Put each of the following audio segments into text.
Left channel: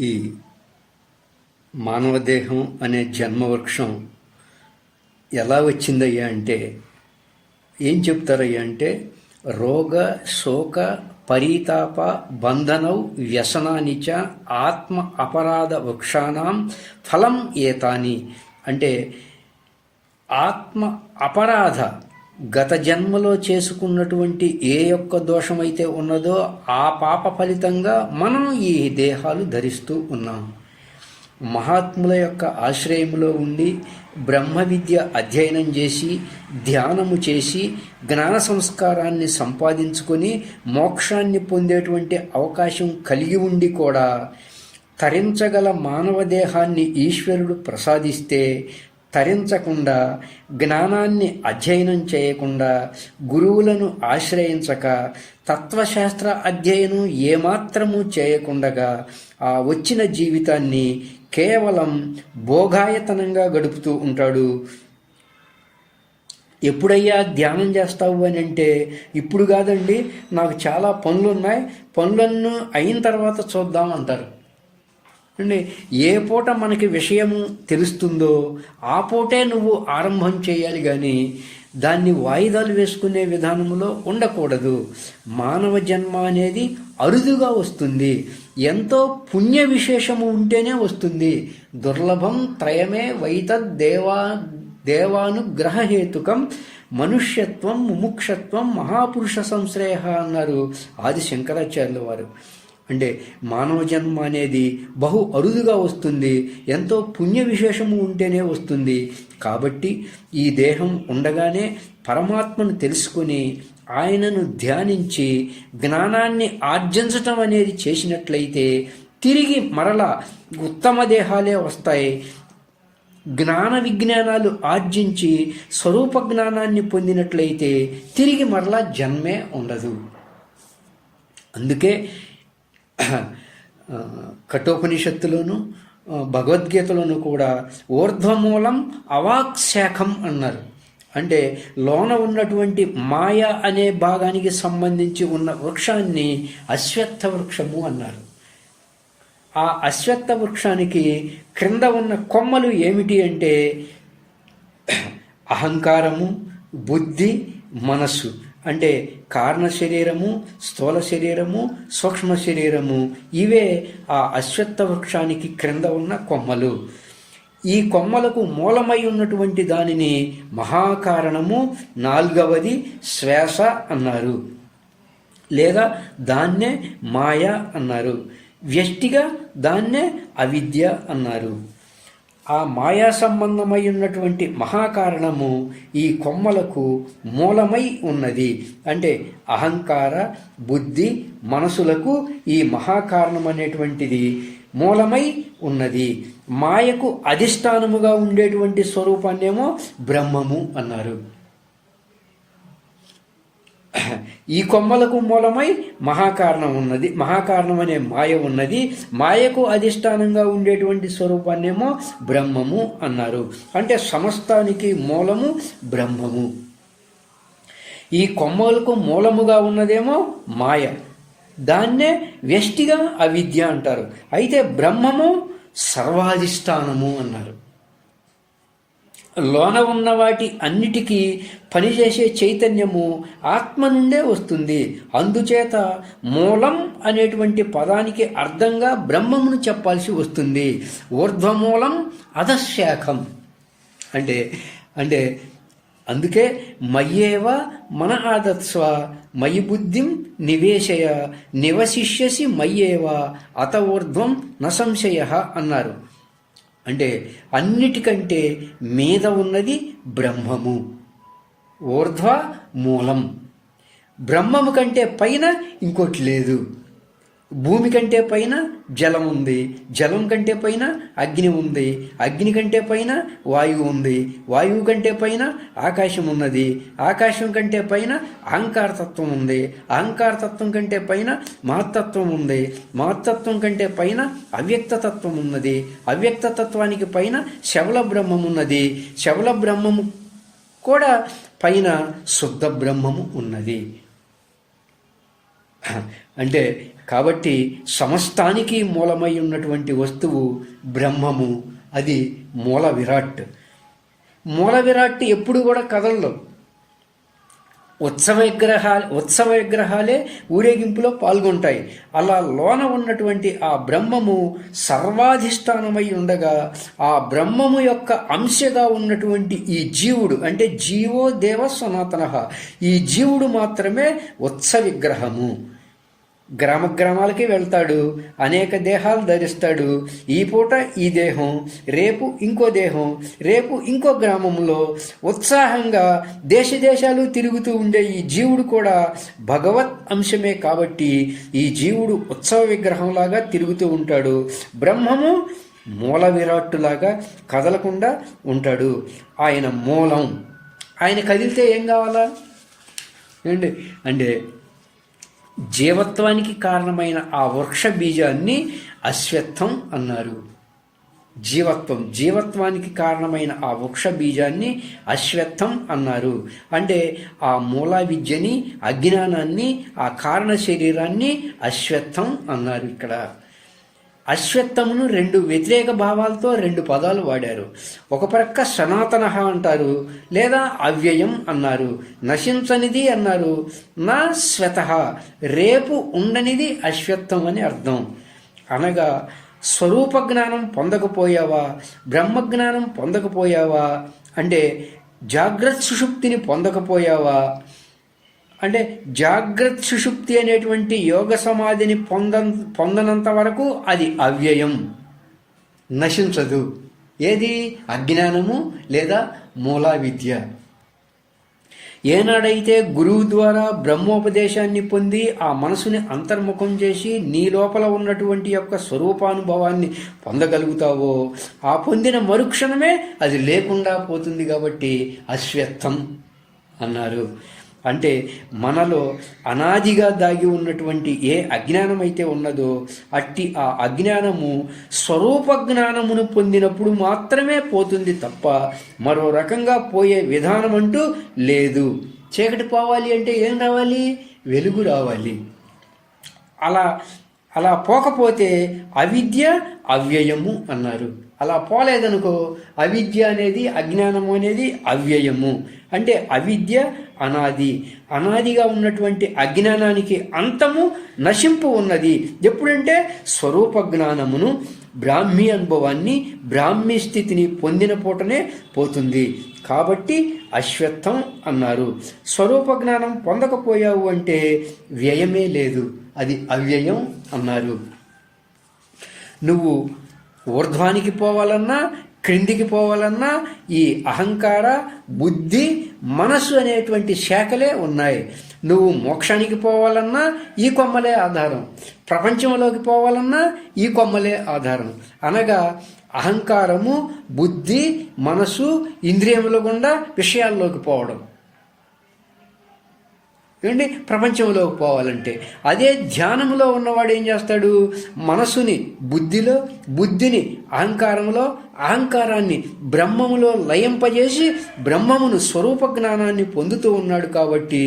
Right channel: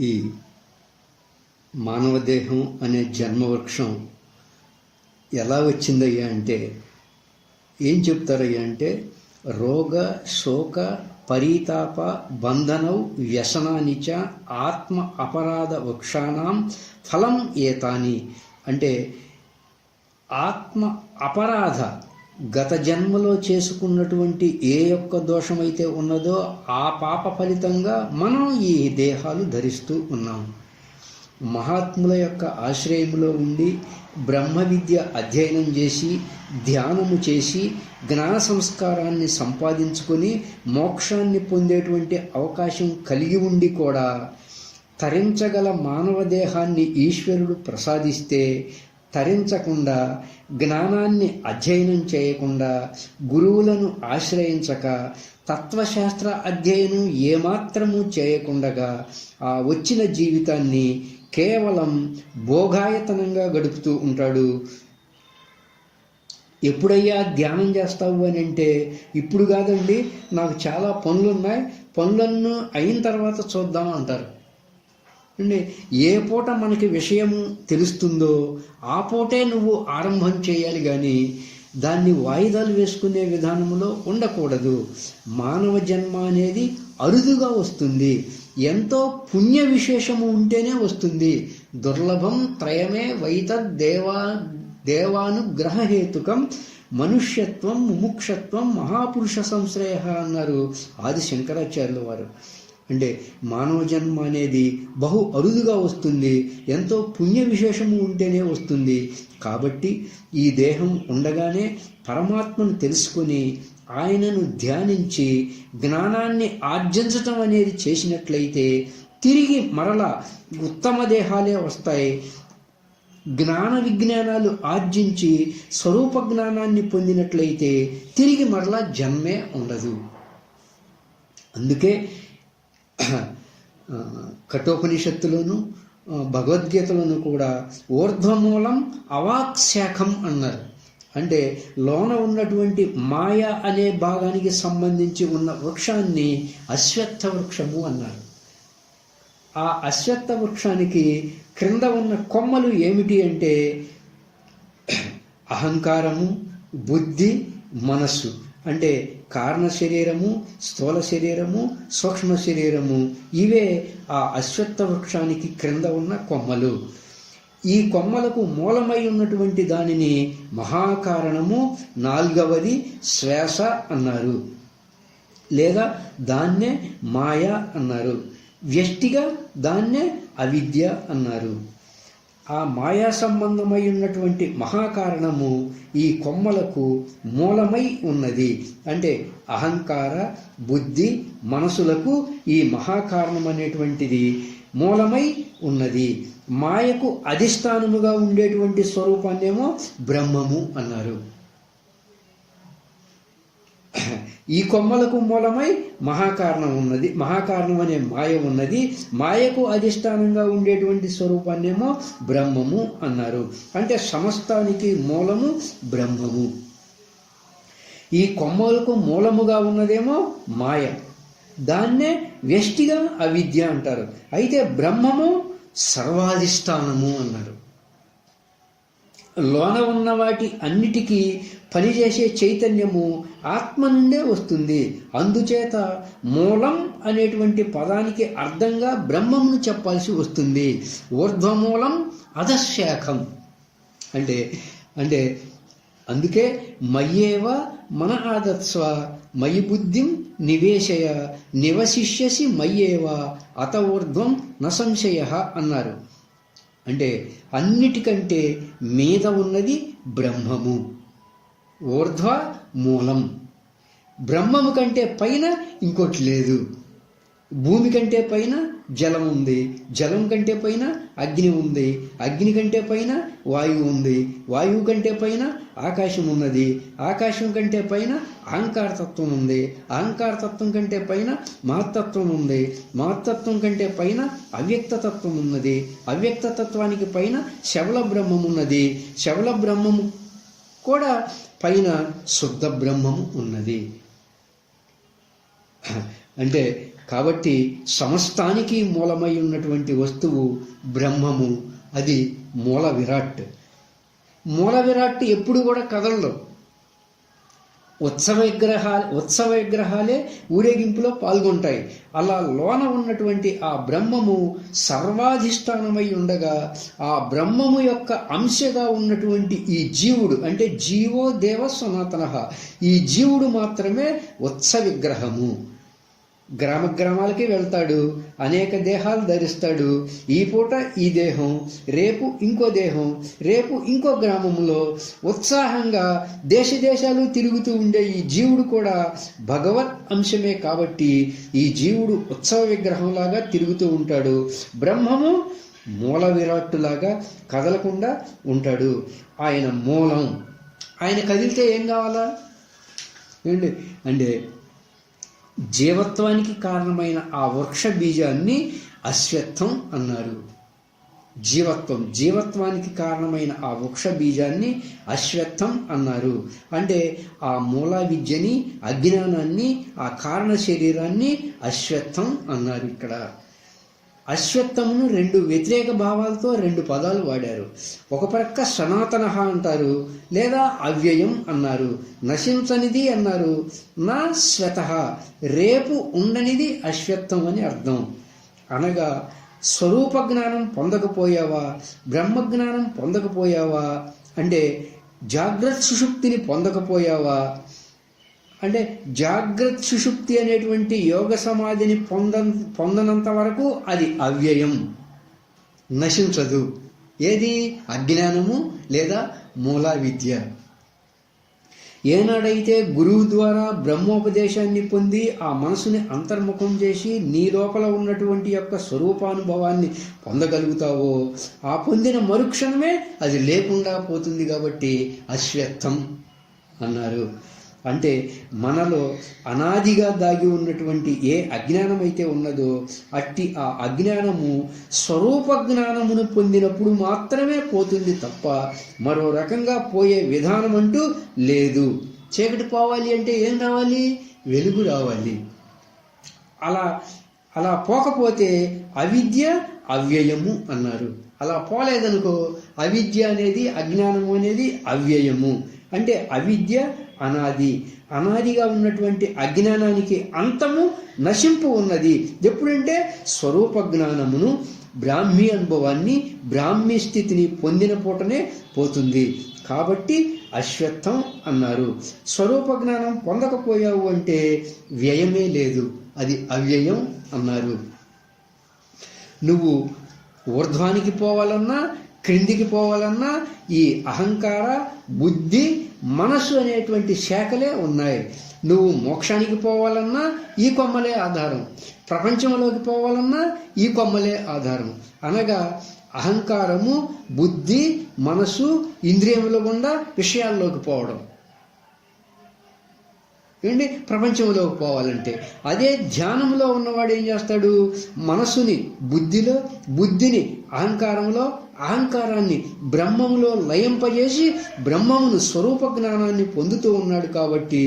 ఈ మానవ దేహం అనే జన్మవృక్షం ఎలా వచ్చిందయ్యా అంటే ఏం చెప్తారయ్యా అంటే రోగ శోక పరితాప బంధనౌ వ్యసనానిచ ఆత్మ అపరాధ వృక్షాణం ఫలం ఏతాని అంటే ఆత్మ అపరాధ గత జన్మలో చేసుకున్నటువంటి ఏ యొక్క దోషమైతే ఉన్నదో ఆ పాప ఫలితంగా మనం ఈ దేహాలు ధరిస్తూ ఉన్నాం. మహాత్ముల యొక్క ఆశ్రయంలో ఉండి బ్రహ్మ విద్య అధ్యయనం చేసి ధ్యానము చేసి జ్ఞాన సంస్కారాన్ని సంపాదించుకొని మోక్షాన్ని పొందేటువంటి అవకాశం కలిగి ఉండి కూడా తరించగల మానవ దేహాన్ని ఈశ్వరుడు ప్రసాదిస్తే తరించకుండా జ్ఞానాన్ని అధ్యయనం చేయకుండా గురువులను ఆశ్రయించక తత్వశాస్త్ర అధ్యయనం ఏమాత్రము చేయకుండగా ఆ వచ్చిన జీవితాన్ని కేవలం భోగాయతనంగా గడుపుతూ ఉంటాడు. ఎప్పుడయ్యా ధ్యానం చేస్తావు అని అంటే ఇప్పుడు కాదండి, నాకు చాలా పనులున్నాయి, పనులన్నీ అయిన తర్వాత చూద్దాం అంటారు అండి. ఏ పూట మనకి విషయం తెలుస్తుందో ఆ పూటే నువ్వు ఆరంభం చేయాలి, కానీ దాన్ని వాయిదాలు వేసుకునే విధానంలో ఉండకూడదు. మానవ జన్మ అనేది అరుదుగా వస్తుంది, ఎంతో పుణ్య విశేషము ఉంటేనే వస్తుంది. దుర్లభం త్రయమే దేవానుగ్రహేతుకం మనుష్యత్వం ముముక్షత్వం మహాపురుష సంశ్రయ అన్నారు ఆది శంకరాచార్యుల వారు. అంటే మానవ జన్మ అనేది బహు అరుదుగా వస్తుంది, ఎంతో పుణ్య విశేషము ఉంటేనే వస్తుంది. కాబట్టి ఈ దేహం ఉండగానే పరమాత్మను తెలుసుకుని ఆయనను ధ్యానించి జ్ఞానాన్ని ఆర్జించటం అనేది చేసినట్లయితే తిరిగి మరలా ఉత్తమ దేహాలే వస్తాయి. జ్ఞాన విజ్ఞానాలు ఆర్జించి స్వరూప జ్ఞానాన్ని పొందినట్లయితే తిరిగి మరలా జన్మే ఉండదు. అందుకే కఠోపనిషత్తులోను భగవద్గీతలోను కూడా ఊర్ధ్వమూలం అవాక్శాఖం అన్నారు. అంటే లోన ఉన్నటువంటి మాయ అనే భాగానికి సంబంధించి ఉన్న వృక్షాన్ని అశ్వత్థ వృక్షము అన్నారు. ఆ అశ్వత్థ వృక్షానికి క్రింద ఉన్న కొమ్మలు ఏమిటి అంటే అహంకారము, బుద్ధి, మనస్సు. అంటే కారణ శరీరము, స్థూల శరీరము, సూక్ష్మ శరీరము, ఇవే ఆ అశ్వత్థ వృక్షానికి క్రింద ఉన్న కొమ్మలు. ఈ కొమ్మలకు మూలమై ఉన్నటువంటి దానిని మహాకారణము, నాలుగవది శ్వాస అన్నారు, లేదా దాన్నే మాయ అన్నారు. వ్యష్టిగా దాన్నే అవిద్య అన్నారు. ఆ మాయా సంబంధమై ఉన్నటువంటి మహాకారణము ఈ కొమ్మలకు మూలమై ఉన్నది. అంటే అహంకార, బుద్ధి, మనసులకు ఈ మహాకారణం అనేటువంటిది మూలమై ఉన్నది. మాయకు అధిష్టానముగా ఉండేటువంటి స్వరూపాన్నేమో బ్రహ్మము అన్నారు. ఈ కొమ్మలకు మూలమై మహాకారణం ఉన్నది, మహాకారణం అనే మాయ ఉన్నది. మాయకు అధిష్టానంగా ఉండేటువంటి స్వరూపాన్నేమో బ్రహ్మము అన్నారు. అంటే సమస్తానికి మూలము బ్రహ్మము. ఈ కొమ్మలకు మూలముగా ఉన్నదేమో మాయ, దాన్నే వ్యష్టిగా అవిద్య అంటారు. అయితే బ్రహ్మము సర్వాధిష్టానము అన్నారు. లోన ఉన్న వాటి అన్నిటికీ పనిచేసే చైతన్యము ఆత్మ నుండే వస్తుంది. అందుచేత మూలం అనేటువంటి పదానికి అర్థంగా బ్రహ్మమును చెప్పాల్సి వస్తుంది. ఊర్ధ్వమూలం అధశాఖం అంటే అంటే అందుకే మయ్యేవ మన ఆదత్స్వ మయి బుద్ధిం నివేశయ నివశిష్యసి మయ్యేవ అత ఊర్ధ్వం న సంశయ అన్నారు. అంటే అన్నిటికంటే మీద ఉన్నది బ్రహ్మము, ఊర్ధ్వ మూలం. బ్రహ్మము కంటే పైన ఇంకోటి లేదు. భూమి కంటే పైన జలం ఉంది, జలం కంటే పైన అగ్ని ఉంది, అగ్ని కంటే పైన వాయువు ఉంది, వాయువు కంటే పైన ఆకాశం ఉన్నది, ఆకాశం కంటే పైన అహంకారతత్వం ఉంది, అహంకారతత్వం కంటే పైన మహత్తత్వం ఉంది, మహత్తత్వం కంటే పైన అవ్యక్తతత్వం ఉన్నది, అవ్యక్తతత్వానికి పైన శవల బ్రహ్మం ఉన్నది, శవల బ్రహ్మము కూడా పైన శుద్ధ బ్రహ్మము ఉన్నది. అంటే కాబట్టి సమస్తానికి మూలమై ఉన్నటువంటి వస్తువు బ్రహ్మము, అది మూల విరాట్. మూల విరాట్ ఎప్పుడు కూడా కదలదు. ఉత్సవ విగ్రహాలే ఊరేగింపులో పాల్గొంటాయి. అలా లోన ఉన్నటువంటి ఆ బ్రహ్మము సర్వాధిష్టానమై ఉండగా, ఆ బ్రహ్మము యొక్క అంశగా ఉన్నటువంటి ఈ జీవుడు, అంటే జీవో దేవ సనాతన, ఈ జీవుడు మాత్రమే ఉత్సవ విగ్రహము. గ్రామాలకి వెళ్తాడు, అనేక దేహాలు ధరిస్తాడు. ఈ పూట ఈ దేహం, రేపు ఇంకో దేహం, రేపు ఇంకో గ్రామంలో ఉత్సాహంగా దేశాలు తిరుగుతూ ఉండే ఈ జీవుడు కూడా భగవత్ అంశమే. కాబట్టి ఈ జీవుడు ఉత్సవ విగ్రహంలాగా తిరుగుతూ ఉంటాడు. బ్రహ్మము మూల విరాట్టులాగా కదలకుండా ఉంటాడు. ఆయన మూలం. ఆయన కదిలితే ఏం కావాలా అంటే జీవత్వానికి కారణమైన ఆ వృక్ష బీజాన్ని అశ్వత్థం అన్నారు. జీవత్వానికి కారణమైన ఆ వృక్ష బీజాన్ని అశ్వత్థం అన్నారు. అంటే ఆ మూల విద్యని, అజ్ఞానాన్ని, ఆ కారణ శరీరాన్ని అశ్వత్థం అన్నారు. ఇక్కడ అశ్వత్థమును రెండు వ్యతిరేక భావాలతో రెండు పదాలు వాడారు. ఒక ప్రక్క సనాతన అంటారు, లేదా అవ్యయం అన్నారు. నశించనిది అన్నారు. నా శ్వత, రేపు ఉండనిది అశ్వత్థం అని అర్థం. అనగా స్వరూప జ్ఞానం పొందకపోయావా, బ్రహ్మజ్ఞానం పొందకపోయావా, అంటే జాగ్రత్త సుషుప్తిని పొందకపోయావా, అంటే జాగ్రత్త సుషుప్తి అనేటువంటి యోగ సమాధిని పొందనంత వరకు అది అవ్యయం, నశించదు. ఏది? అజ్ఞానము లేదా మూలా విద్య. ఏనాడైతే గురువు ద్వారా బ్రహ్మోపదేశాన్ని పొంది ఆ మనసుని అంతర్ముఖం చేసి నీ లోపల ఉన్నటువంటి యొక్క స్వరూపానుభవాన్ని పొందగలుగుతావో, ఆ పొందిన మరుక్షణమే అది లేకుండా పోతుంది. కాబట్టి అశ్వత్థం అన్నారు. అంటే మనలో అనాదిగా దాగి ఉన్నటువంటి ఏ అజ్ఞానం అయితే ఉన్నదో అట్టి ఆ అజ్ఞానము స్వరూప జ్ఞానమును పొందినప్పుడు మాత్రమే పోతుంది తప్ప మరో రకంగా పోయే విధానం అంటూ లేదు. చీకటి పోవాలి అంటే ఏం రావాలి? వెలుగు రావాలి. అలా పోకపోతే అవిద్య అవ్యయము అన్నారు. అలా పోలేదనుకో అవిద్య అనేది, అజ్ఞానము అనేది అవ్యయము. అంటే అవిద్య అనాదిగా ఉన్నటువంటి అజ్ఞానానికి అంతము, నశింపు ఉన్నది. ఎప్పుడంటే స్వరూప జ్ఞానమును, బ్రాహ్మీ అనుభవాన్ని, బ్రాహ్మీ స్థితిని పొందిన పూటనే పోతుంది. కాబట్టి అశ్వత్థం అన్నారు. స్వరూప జ్ఞానం పొందకపోయావు అంటే వ్యయమే లేదు, అది అవ్యయం అన్నారు. నువ్వు ఊర్ధ్వానికి పోవాలన్నా, క్రిందికి పోవాలన్నా ఈ అహంకార, బుద్ధి, మనస్సు అనేటువంటి శాఖలే ఉన్నాయి. నువ్వు మోక్షానికి పోవాలన్నా ఈ కొమ్మలే ఆధారం, ప్రపంచంలోకి పోవాలన్నా ఈ కొమ్మలే ఆధారం. అనగా అహంకారము, బుద్ధి, మనసు, ఇంద్రియముల గుండా విషయాల్లోకి పోవడం. ఏంటి? ప్రపంచంలోకి పోవాలంటే అదే ధ్యానంలో ఉన్నవాడు ఏం చేస్తాడు? మనసుని బుద్ధిని అహంకారంలో, అహంకారాన్ని బ్రహ్మములో లయింపజేసి బ్రహ్మమును, స్వరూప జ్ఞానాన్ని పొందుతూ ఉన్నాడు. కాబట్టి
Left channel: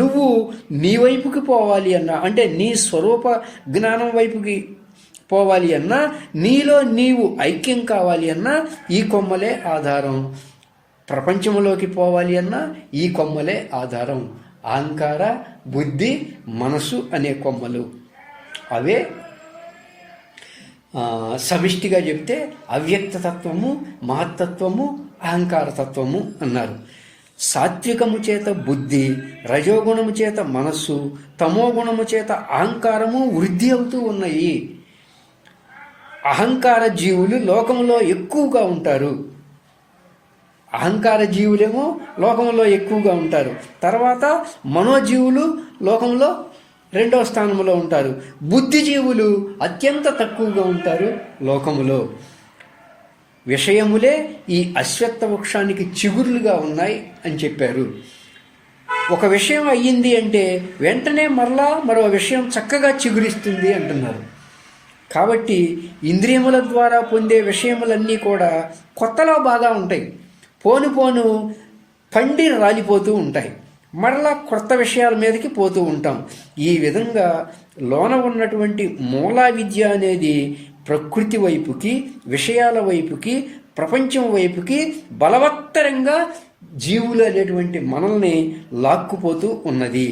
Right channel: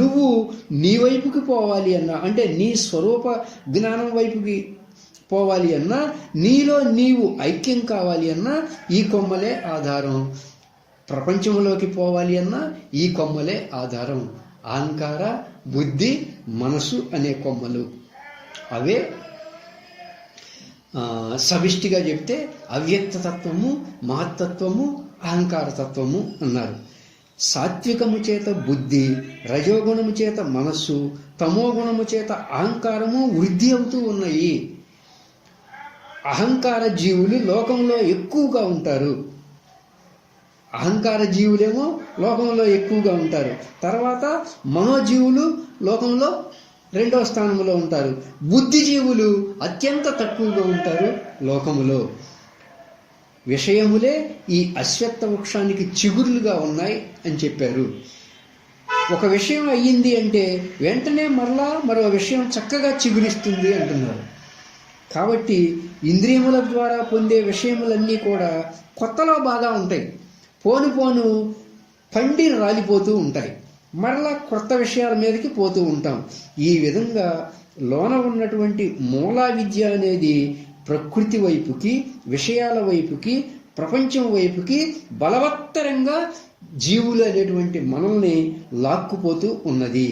నువ్వు నీ వైపుకి పోవాలి అన్నా, అంటే నీ స్వరూప జ్ఞానం వైపుకి పోవాలి అన్నా, నీలో నీవు ఐక్యం కావాలి అన్నా ఈ కొమ్మలే ఆధారం. ప్రపంచంలోకి పోవాలి అన్నా ఈ కొమ్మలే ఆధారం. అహంకార, బుద్ధి, మనసు అనే కొమ్మలు అవే సమిష్టిగా చెప్తే అవ్యక్తతత్వము, మహత్తత్వము, అహంకారతత్వము అన్నారు. సాత్వికము చేత బుద్ధి, రజోగుణము చేత మనస్సు, తమోగుణము చేత అహంకారము వృద్ధి అవుతూ ఉన్నాయి. అహంకార జీవులు లోకంలో ఎక్కువగా ఉంటారు. అహంకార జీవులేమో లోకంలో ఎక్కువగా ఉంటారు. తర్వాత మనోజీవులు లోకంలో రెండవ స్థానంలో ఉంటారు. బుద్ధిజీవులు అత్యంత తక్కువగా ఉంటారు లోకములో. విషయములే ఈ అశ్వత్థ వృక్షానికి చిగుర్లుగా ఉన్నాయి అని చెప్పారు. ఒక విషయం అయ్యింది అంటే వెంటనే మరో విషయం చక్కగా చిగురిస్తుంది అంటున్నారు. కాబట్టి ఇంద్రియముల ద్వారా పొందే విషయములన్నీ కూడా కొత్తలో బాగా ఉంటాయి, పోను పండి రాలిపోతూ ఉంటాయి. మరలా కొత్త విషయాల మీదకి పోతూ ఉంటాం. ఈ విధంగా లోన ఉన్నటువంటి మూలా విద్య అనేది ప్రకృతి వైపుకి, విషయాల వైపుకి, ప్రపంచం వైపుకి బలవత్తరంగా జీవులు అనేటువంటి మనల్ని లాక్కుపోతూ ఉన్నది.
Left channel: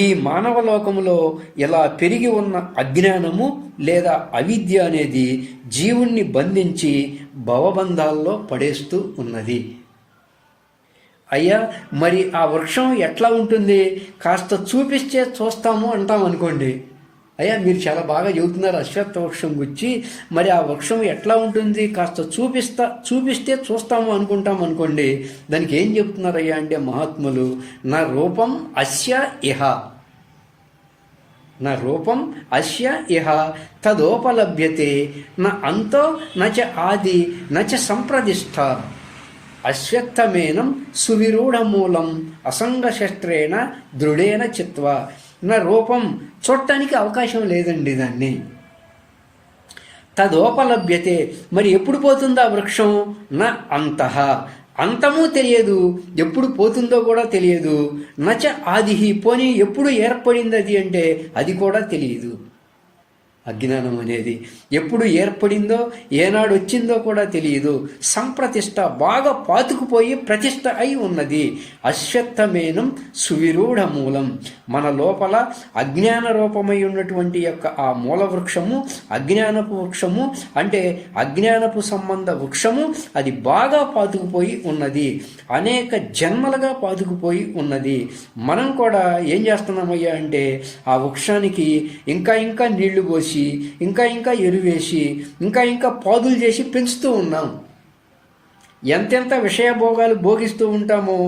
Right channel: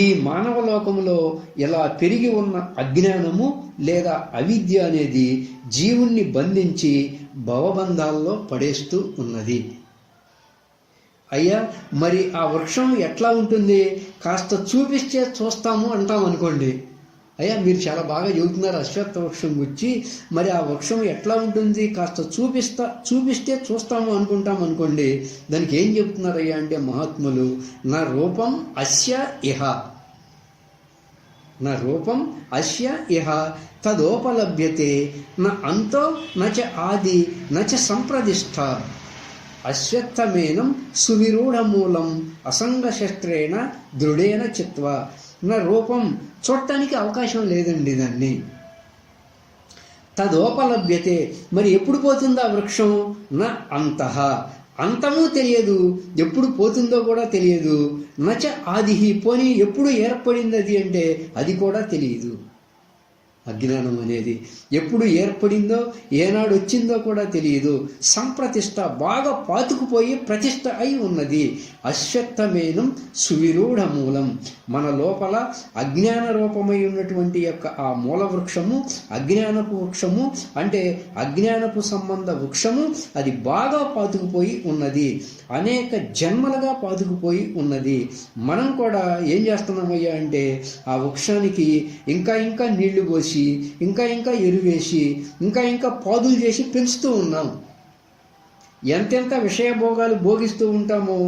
ఈ మానవ లోకంలో ఇలా పెరిగి ఉన్న అజ్ఞానము లేదా అవిద్య అనేది జీవుణ్ణి బంధించి భవబంధాల్లో పడేస్తూ ఉన్నది. అయ్యా, మరి ఆ వృక్షం ఎట్లా ఉంటుంది? కాస్త చూపిస్తే చూస్తాము అంటాం అనుకోండి. అయ్యా, మీరు చాలా బాగా చెబుతున్నారు అశ్వత్థ వృక్షం గురించి, మరి ఆ వృక్షం ఎట్లా ఉంటుంది? కాస్త చూపిస్తే చూస్తాము అనుకుంటాం అనుకోండి. దానికి ఏం చెప్తున్నారు అయ్యా అంటే మహాత్ములు, నా రూపం అస్య ఇహ, నా రూపం అస్య ఇహ తదోపలభ్యతే న అంతో నచ ఆది నచ సంప్రదిష్ట అశ్వత్థమేనం సువిరూఢమూలం అసంగశస్త్రేణ దృఢేన చిత్వా. నా రూపం చూడటానికి అవకాశం లేదండి దాన్ని. తదోపలభ్యతే, మరి ఎప్పుడు పోతుందో ఆ వృక్షం? నా అంతః, అంతము తెలియదు, ఎప్పుడు పోతుందో కూడా తెలియదు. నచ ఆదిహి, పోనీ ఎప్పుడు ఏర్పడింది అది అంటే అది కూడా తెలియదు. అజ్ఞానం అనేది ఎప్పుడు ఏర్పడిందో, ఏనాడు వచ్చిందో కూడా తెలియదు. సంప్రతిష్ట, బాగా పాతుకుపోయి ప్రతిష్ట అయి ఉన్నది. అశ్వత్థమేనం సువిరూఢ మూలం, మన లోపల అజ్ఞాన రూపమై ఉన్నటువంటి యొక్క ఆ మూల వృక్షము, అజ్ఞానపు వృక్షము అంటే అజ్ఞానపు సంబంధ వృక్షము, అది బాగా పాతుకుపోయి ఉన్నది. అనేక జన్మలుగా పాతుకుపోయి ఉన్నది. మనం కూడా ఏం చేస్తున్నామయ్యా అంటే ఆ వృక్షానికి ఇంకా ఇంకా నీళ్లు పోసి, ఇంకా ఇంకా ఎరువేసి, ఇంకా ఇంకా పాదులు చేసి పెంచుతూ ఉన్నాం. ఎంతెంత విషయభోగాలు భోగిస్తూ ఉంటామో,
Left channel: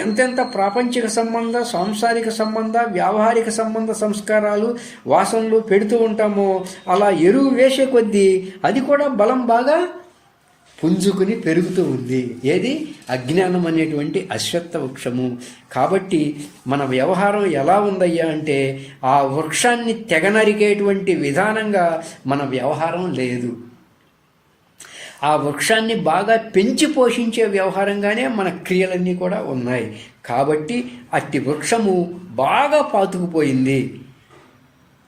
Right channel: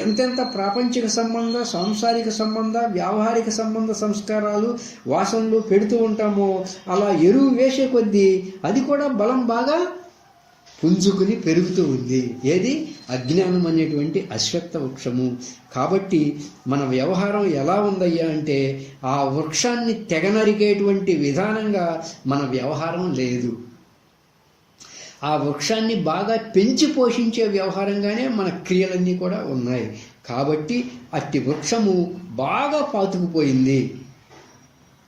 ఎంతెంత ప్రాపంచిక సంబంధ, సాంసారిక సంబంధ, వ్యావహారిక సంబంధ సంస్కారాలు, వాసనలు పెడుతూ ఉంటామో, అలా ఎరువు వేసే కొద్దీ అది కూడా బలం బాగా పుంజుకుని పెరుగుతూ ఉంది. ఏది? అజ్ఞానం అనేటువంటి అశ్వత్థ వృక్షము. కాబట్టి మన వ్యవహారం ఎలా ఉందయ్యా అంటే ఆ వృక్షాన్ని తెగనరికేటువంటి విధానంగా మన వ్యవహారం లేదు. ఆ వృక్షాన్ని బాగా పెంచి పోషించే వ్యవహారంగానే మన క్రియలన్నీ కూడా ఉన్నాయి. కాబట్టి అట్టి వృక్షము బాగా పాతుకుపోయింది.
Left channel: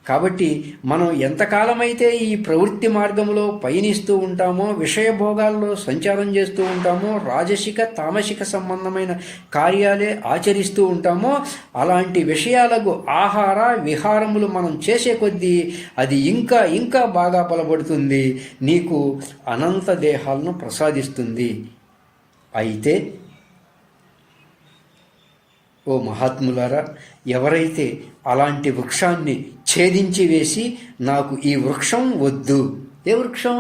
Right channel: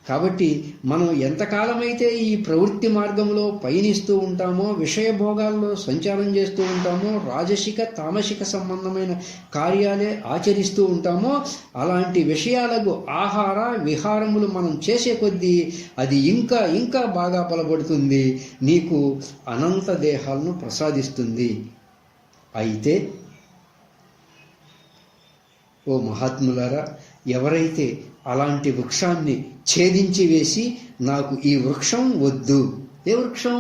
కాబట్టి మనం ఎంతకాలమైతే ఈ ప్రవృత్తి మార్గంలో పయనిస్తూ ఉంటామో, విషయభోగాల్లో సంచారం చేస్తూ ఉంటామో, రాజసిక తామసిక సంబంధమైన కార్యాలే ఆచరిస్తూ ఉంటామో, అలాంటి విషయాలకు ఆహార విహారములు మనం చేసే కొద్దీ అది ఇంకా ఇంకా బాగా బలపడుతుంది, నీకు అనంత దేహాలను ప్రసాదిస్తుంది. అయితే ఓ మహాత్ములారా, ఎవరైతే అలాంటి వృక్షాన్ని ఛేదించి వేసి నాకు ఈ వృక్షం వద్దు, ఏ వృక్షం?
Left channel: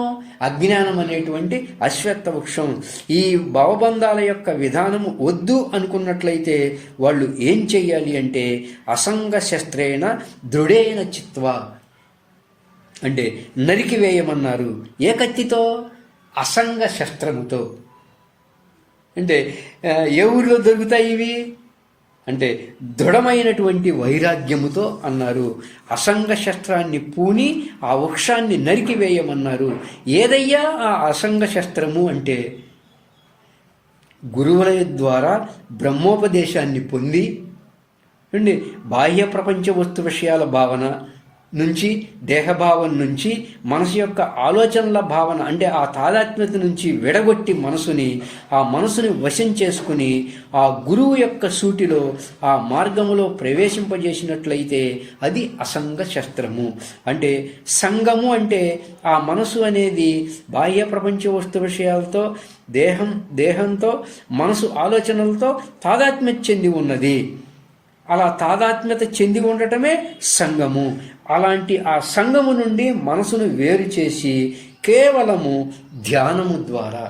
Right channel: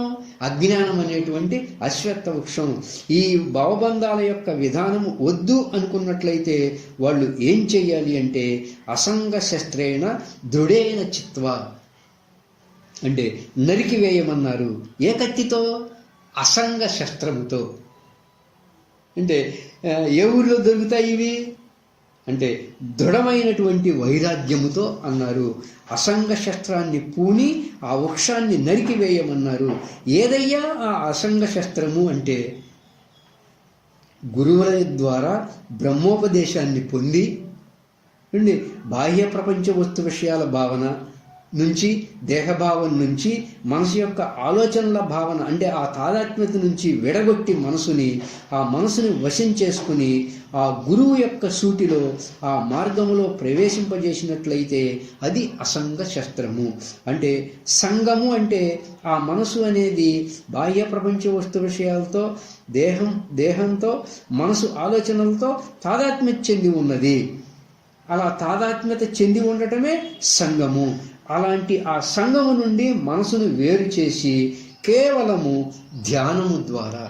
అజ్ఞానం అనేటువంటి అశ్వత్థ వృక్షం, ఈ భవబంధాల యొక్క విధానము వద్దు అనుకున్నట్లయితే వాళ్ళు ఏం చెయ్యాలి అంటే అసంగ శస్త్రేణ దృఢేన చిత్వా, అంటే నరికివేయమన్నారు. ఏ కత్తితో? అసంగ శస్త్రముతో. అంటే ఏ ఊరిలో దొరుకుతాయి ఇవి అంటే దృఢమైనటువంటి వైరాగ్యముతో అన్నారు. అసంగ శస్త్రాన్ని పూని ఆ వృక్షాన్ని నరికివేయమన్నారు. ఏదయ్యా ఆ అసంగ శస్త్రము అంటే గురువుల ద్వారా బ్రహ్మోపదేశాన్ని పొంది బాహ్య ప్రపంచ వస్తు విషయాల భావన నుంచి, దేహభావం నుంచి, మనసు యొక్క ఆలోచనల భావన అంటే ఆ తాదాత్మ్యత నుంచి విడగొట్టి ఆ మనసుని వశం చేసుకుని ఆ గురువు యొక్క సూటిలో ఆ మార్గములో ప్రవేశింపజేసినట్లయితే అది అసంగ శస్త్రము. అంటే సంగము అంటే ఆ మనసు అనేది బాహ్య ప్రపంచ వస్తు విషయాలతో, దేహంతో, మనసు ఆలోచనలతో తాదాత్మ్యత చెంది ఉన్నది. అలా తాదాత్మ్యత చెంది ఉండటమే సంగము. అలాంటి ఆ సంగము నుండి మనసును వేరు చేసి కేవలము ధ్యానము ద్వారా,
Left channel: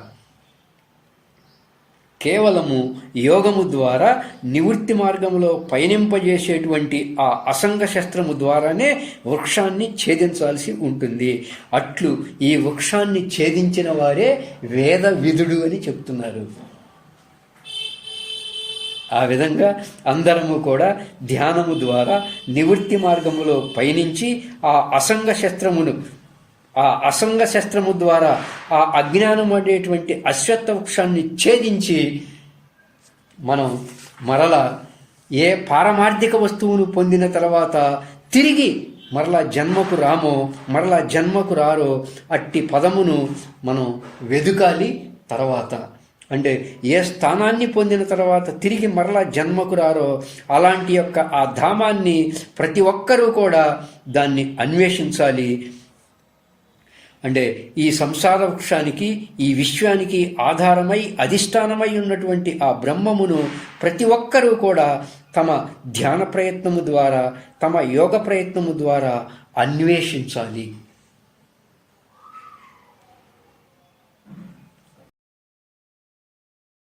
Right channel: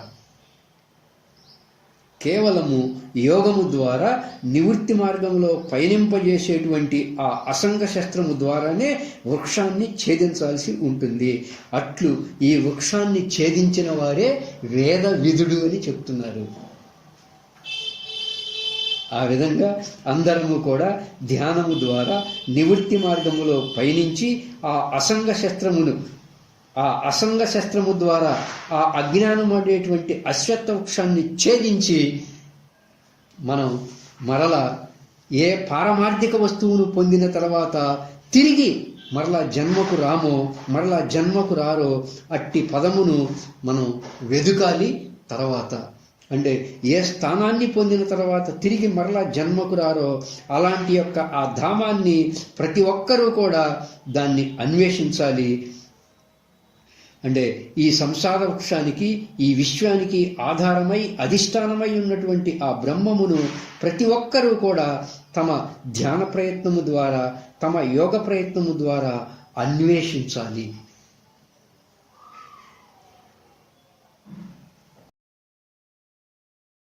కేవలము యోగము ద్వారా నివృత్తి మార్గంలో పయనింపజేసేటువంటి ఆ అసంగ శస్త్రము ద్వారానే వృక్షాన్ని ఛేదించాల్సి ఉంటుంది. అట్లు ఈ వృక్షాన్ని ఛేదించిన వారే వేద విదుడు అని చెప్తున్నారు. ఆ విధంగా అందరము కూడా ధ్యానము ద్వారా నివృత్తి మార్గములో పయనించి ఆ అసంగ శస్త్రము ద్వారా ఆ అజ్ఞానం అనేటువంటి అశ్వత్థ వృక్షాన్ని ఛేదించి మనం మరల ఏ పారమార్థిక వస్తువును పొందిన తర్వాత తిరిగి మరలా జన్మకు రామో మరలా జన్మకు రారో అట్టి పదమును మనం వెదుకాలి. తర్వాత అంటే ఏ స్థానాన్ని పొందిన తర్వాత తిరిగి మరలా జన్మకు రారో అలాంటి యొక్క ఆ ధామాన్ని ప్రతి ఒక్కరూ కూడా దాన్ని అన్వేషించాలి. అంటే ఈ సంసార వృక్షానికి ఈ విశ్వానికి ఆధారమై అధిష్టానమై ఉన్నటువంటి ఆ బ్రహ్మమును ప్రతి ఒక్కరూ కూడా తమ ధ్యాన ప్రయత్నము ద్వారా తమ యోగ ప్రయత్నము ద్వారా అన్వేషించాలి.